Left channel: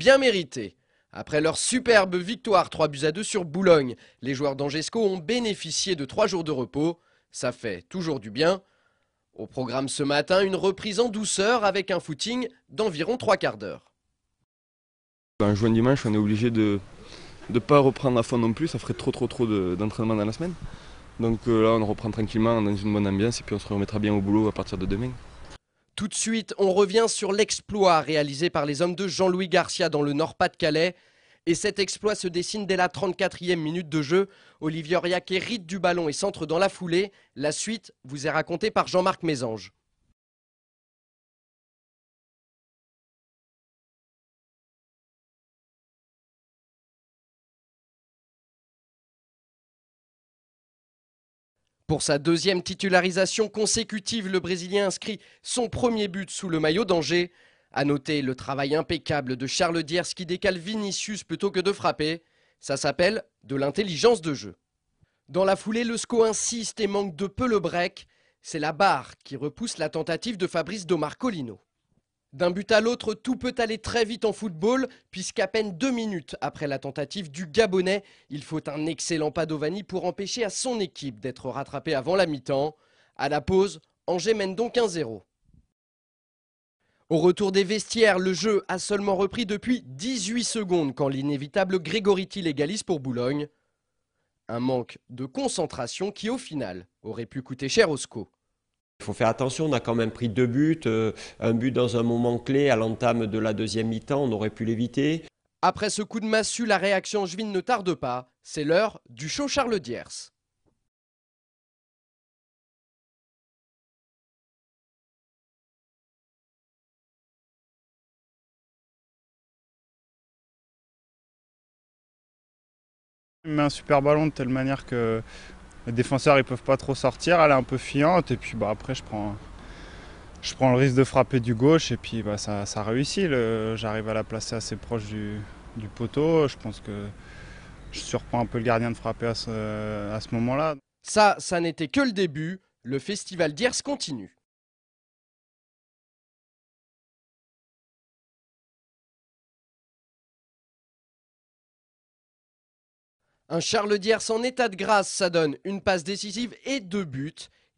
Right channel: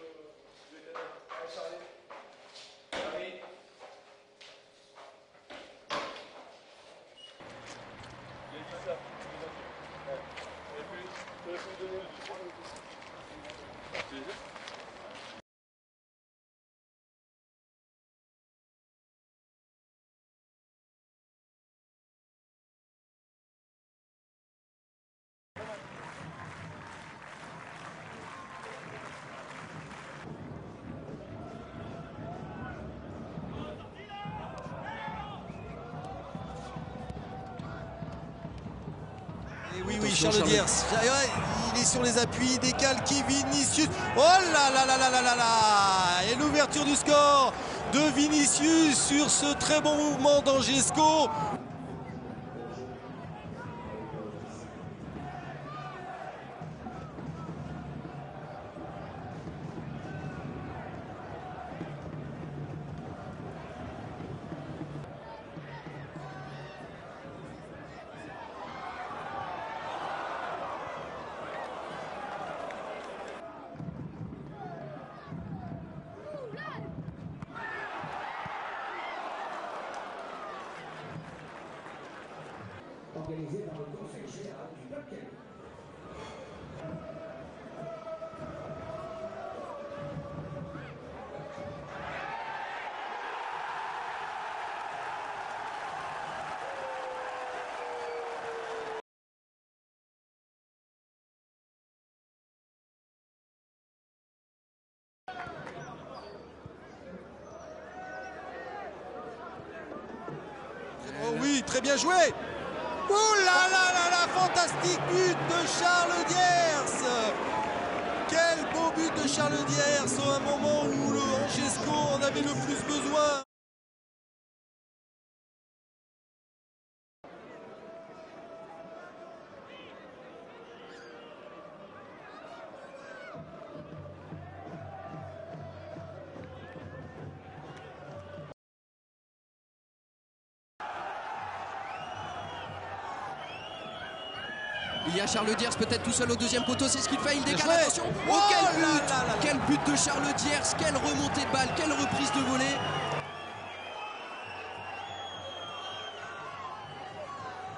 bien mérité. Après leur superbe victoire 3-2 sur Boulogne, les joueurs d'Angesco ont bénéficié de 3 jours de repos. Ça fait toujours du bien. Au programme ce matin, une reprise en douceur avec un footing d'environ 3 quarts d'heure. En jouant dimanche, on est obligé de ne pas reprendre à fond non plus, ça ferait trop d'entraînement dans la semaine. Donc là, on reprend tranquillement dans une bonne ambiance et puis on se remettra bien au boulot à partir de demain. Tout de suite, on revient sur l'exploit réalisé par les hommes de Jean-Louis Garcia dans le Nord-Pas-de-Calais. Et cet exploit se dessine dès la 34e minute de jeu. Olivier Auriac hérite du ballon et centre dans la foulée. La suite vous est racontée par Jean-Marc Mésange. Et oui, Charles Diers, il est sur les appuis, il décale qui Vinicius. Oh là là là là là là là. Et l'ouverture du score de Vinicius sur ce très bon mouvement d'Angesco. Pour sa deuxième titularisation consécutive, le Brésilien inscrit son premier but sous le maillot d'Angers. A noter le travail impeccable de Charles Diers qui décale Vinicius plutôt que de frapper. Ça s'appelle de l'intelligence de jeu. Dans la foulée, le SCO insiste et manque de peu le break. C'est la barre qui repousse la tentative de Fabrice de Marcolino. D'un but à l'autre, tout peut aller très vite en football, puisqu'à peine 2 minutes après la tentative du Gabonais, il faut un excellent Padovani pour empêcher à son équipe d'être rattrapée avant la mi-temps. À la pause, Angers mène donc 1-0. Au retour des vestiaires, le jeu a seulement repris depuis 18 secondes quand l'inévitable Grégory légalise pour Boulogne. Un manque de concentration qui, au final, aurait pu coûter cher au SCO. Il faut faire attention, on a quand même pris 2 buts, un but dans un moment clé à l'entame de la deuxième mi-temps, on aurait pu l'éviter. Après ce coup de massue, la réaction angevine ne tarde pas. C'est l'heure du show Charles Diers. Oh oui, très bien joué. Oh là là là là, fantastique but de Charles Diers. Quel beau but de Charles Diers à un moment où le Angesco en avait le plus besoin. Il met un super ballon de telle manière que les défenseurs ils peuvent pas trop sortir, elle est un peu fiante et puis après je prends le risque de frapper du gauche et puis ça réussit. J'arrive à la placer assez proche du poteau. Je pense que je surprends un peu le gardien de frapper à ce moment-là. Ça n'était que le début. Le festival Diers continue. Il y a Charles Diers peut-être tout seul au deuxième poteau, c'est ce qu'il fait, il décale, attention. Oh quel but! Quel but de Charles Diers, quelle remontée de balle, quelle reprise de volée. Un Charles Diers en état de grâce, ça donne une passe décisive et 2 buts.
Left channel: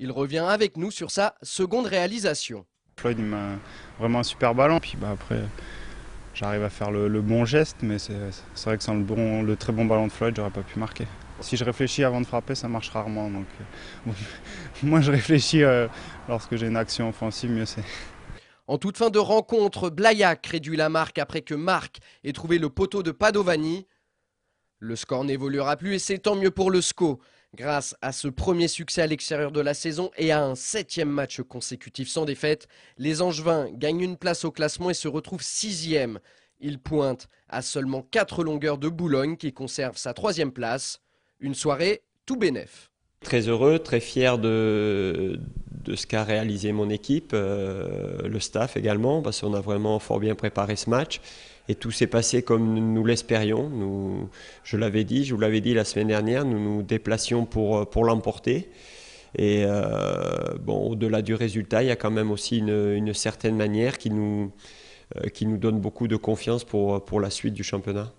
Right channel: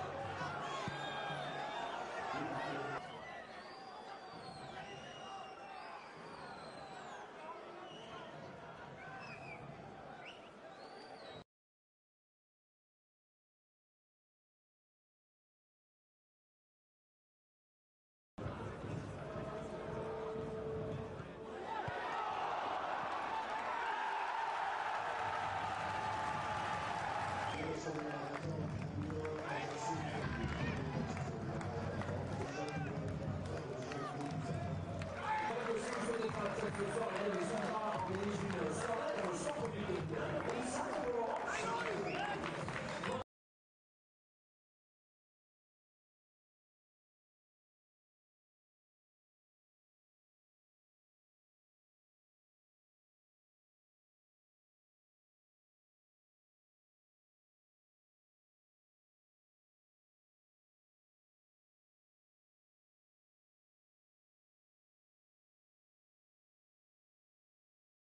Il revient avec nous sur sa seconde réalisation. Floyd il met vraiment un super ballon, puis après j'arrive à faire le bon geste, mais c'est vrai que sans le très bon ballon de Floyd, j'aurais pas pu marquer. Si je réfléchis avant de frapper, ça marche rarement. Donc, moi, je réfléchis lorsque j'ai une action offensive, mieux c'est. En toute fin de rencontre, Blaillac réduit la marque après que Marc ait trouvé le poteau de Padovani. Le score n'évoluera plus et c'est tant mieux pour le SCO. Grâce à ce premier succès à l'extérieur de la saison et à un 7e match consécutif sans défaite, les Angevins gagnent une place au classement et se retrouvent 6e. Ils pointent à seulement 4 longueurs de Boulogne qui conserve sa 3e place. Une soirée tout bénef. Très heureux, très fier de ce qu'a réalisé mon équipe, le staff également, parce qu'on a vraiment fort bien préparé ce match. Et tout s'est passé comme nous l'espérions. Je vous l'avais dit la semaine dernière, nous nous déplacions pour l'emporter. Et au-delà du résultat, il y a quand même aussi une certaine manière qui nous donne beaucoup de confiance pour la suite du championnat.